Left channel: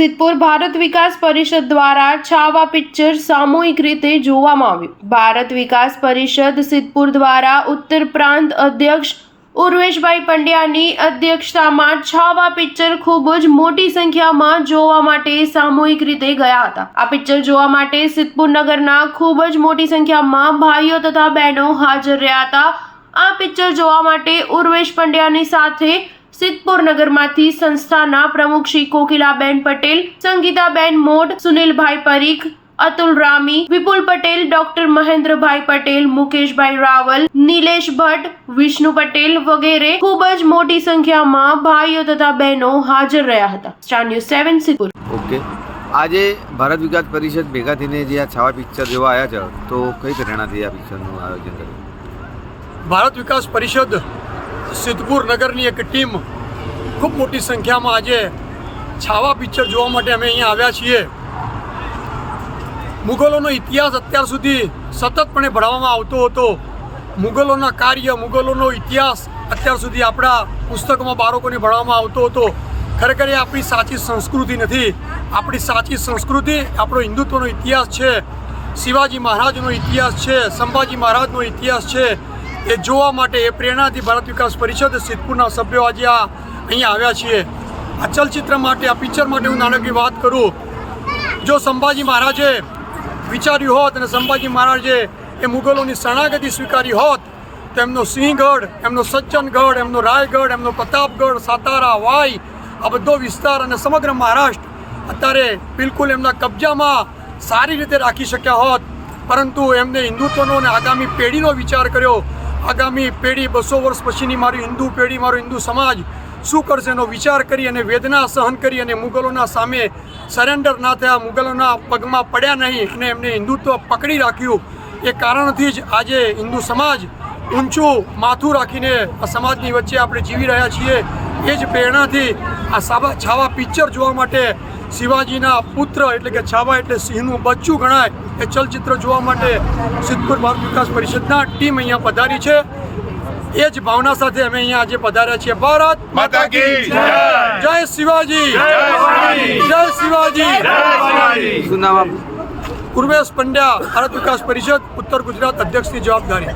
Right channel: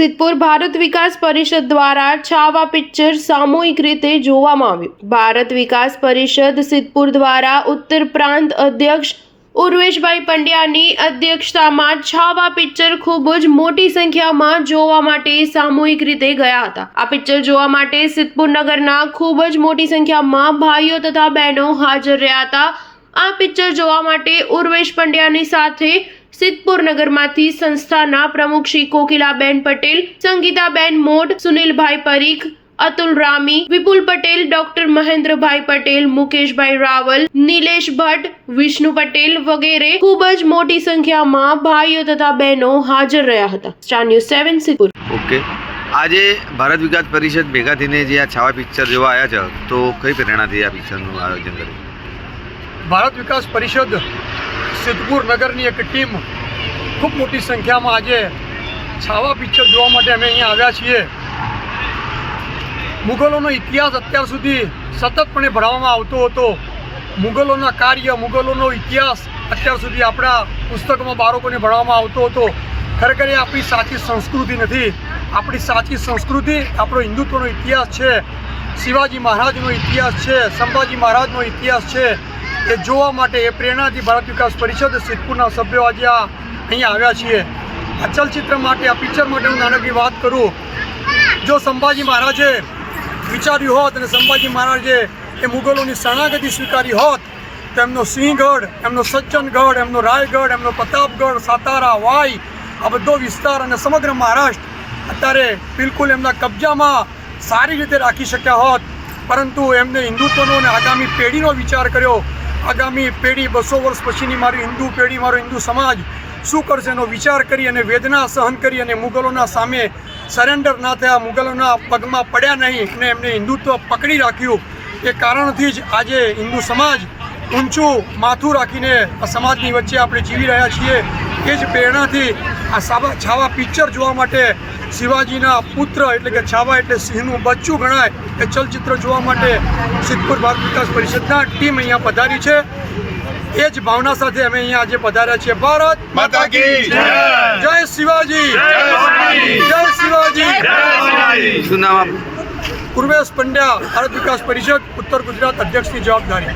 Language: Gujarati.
સિદ્ધપુર ભારત વિકાસ પરિષદ દ્વારા છાવા પિક્ચર સામૂહિક રીતે જોવામાં આવ્યું। ભારત વિકાસ પરિષદ સિદ્ધપુર દ્વારા ઉત્તર પ્રાંત અધ્યક્ષ ઉર્વેશભાઈ પંડ્યાની અધ્યક્ષતામાં છાવા પિક્ચર ખૂબ જ મોટી સંખ્યામાં જોવા માટે સામૂહિક રીતે ગયા હતા। આ પિક્ચર જોવા માટે સિદ્ધપુર નગરના ખૂબ જ મોટી સંખ્યામાં ભાઈઓ તથા બહેનો હાજર રહ્યા હતા। આ પિક્ચર જોવા માટે ઉર્વેશ પંડ્યાની સાથે સિદ્ધપુર નગરમાંથી સંસ્થાના પ્રમુખ શ્રી કોકિલાબેન પટેલ, સંગીતાબેન મોઢ, સુનિલભાઈ પરીખ, અતુલ રામી, વિપુલ પટેલ, ડોક્ટર મહેન્દ્રભાઈ પટેલ, મુકેશભાઈ રાવલ, નિલેશ ભટ્ટ, વિષ્ણુ પટેલ વગેરે ખૂબ જ મોટી સંખ્યામાં ભાઈઓ તથા બહેનો હાજર રહ્યા હતા। Star news 7 Siddhpur. ઓકે, આજે ભારત વિકાસ પરિષદ ભેગા થઈને જે આ છાવા પિક્ચર જોવા આવ્યા છે, તો કઈ પ્રેરણાથી આ પિક્ચરનું આયોજન કર્યું? ભારત વિકાસ પરિષદ સિદ્ધપુર નગરની એક ટીમ ખૂબ મોટી સંખ્યામાં આજે છાવા પિક્ચર જોવા માટે અમે અહીંયા આવ્યા છીએ। મુગલોનો ઇતિહાસ અત્યાર સુધી સતતપણે ભણાવવામાં આવતો હતો। મુગલોના કાર્ય, મુગલોનો ઇતિહાસ અત્યાર સુધી આપણા પુસ્તકોમાં બાળકોને ભણાવવામાં આવતો હતો। ખરેખર એ આપણી સાચી સંસ્કૃતિ નથી। આપણી સાચી સંસ્કૃતિ આપણો હિન્દુત્વનો ઇતિહાસ છે, શિવાજી મહારાજનો ઇતિહાસ છે, સંભાજી મહારાજનો ઇતિહાસ છે। એ જોવા માટે, એ પ્રેરણાથી ભારત વિકાસ પરિષદ સિદ્ધપુરના સભ્યો આજે અહીંયા આવ્યા છીએ। આ ચલચિત્ર માટે, આ પિક્ચર માટે હું નાનકડી વાત કરું, જો સંભાજી મહારાજે વિચાર્યું હોત અને સંભાજી મહારાજે એ મુગલોની શરણાગતિ સ્વીકારી હોત તો એમનો સિંહગઢ, એમનો સજ્જનગઢ, એમનો રાયગઢ, એમનો પ્રતાપગઢ, સાતારા, વાઈ, આ બધો વિસ્તાર અને સમગ્ર મહારાષ્ટ્ર અત્યારે બિલકુલ એમના કબજામાં સારી રીતે રાખી શક્યા હોત। પરંતુ એમને હિન્દુત્વનો અને આગામી પેઢીનો વિચાર કર્યો। આગામી પેઢી, 200 વર્ષ પછીની મારી હિન્દુ પેઢી, મારો હિન્દુ સમાજ શું કરશે એનો વિચાર કરી અને વેદના સહન કરી અને મુગલોના સામે સરેન્ડર ના થયા, મુગલોના પગમાં પડ્યા નહીં અને એમને હિન્દુત્વ પકડી રાખ્યું। એ કારણથી જ આજે હિન્દુ સમાજ ઊંચું માથું રાખીને આ સમાજની વચ્ચે આપણે જીવી રહ્યા છીએ। એ જ પ્રેરણાથી આ છાવા પિક્ચર જોવા માટે શિવાજીના પુત્ર એટલે કે છાવા એટલે સિંહનું બચ્ચું ગણાય એ ચલચિત્ર જોવા માટે સિદ્ધપુર ભારત વિકાસ પરિષદના ટીમ અહીંયા પધારી છે। એ જ ભાવના સાથે અમે અહીંયા આજે પધાર્યા છીએ। ભારત માતા કી જય, જય શિવાજી, જય શિવાજી। શું નામ? ઉર્વેશ પંડ્યા, ભારત વિકાસ પરિષદ ઉત્તર ગુજરાત અધ્યક્ષની જવાબદારી।